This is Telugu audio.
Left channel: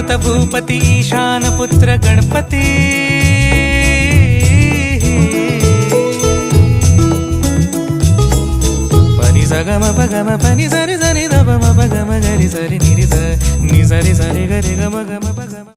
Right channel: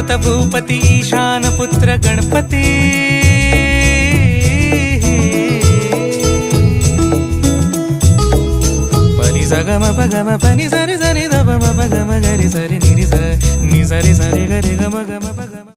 సుత భూపతి ఈశానపుత్ర గణపతి పని సగమ పగమ పని సరి సరి దమ పగమ గరి సరి నిరి సరి సరి సరి గరి గమ గమ పగమ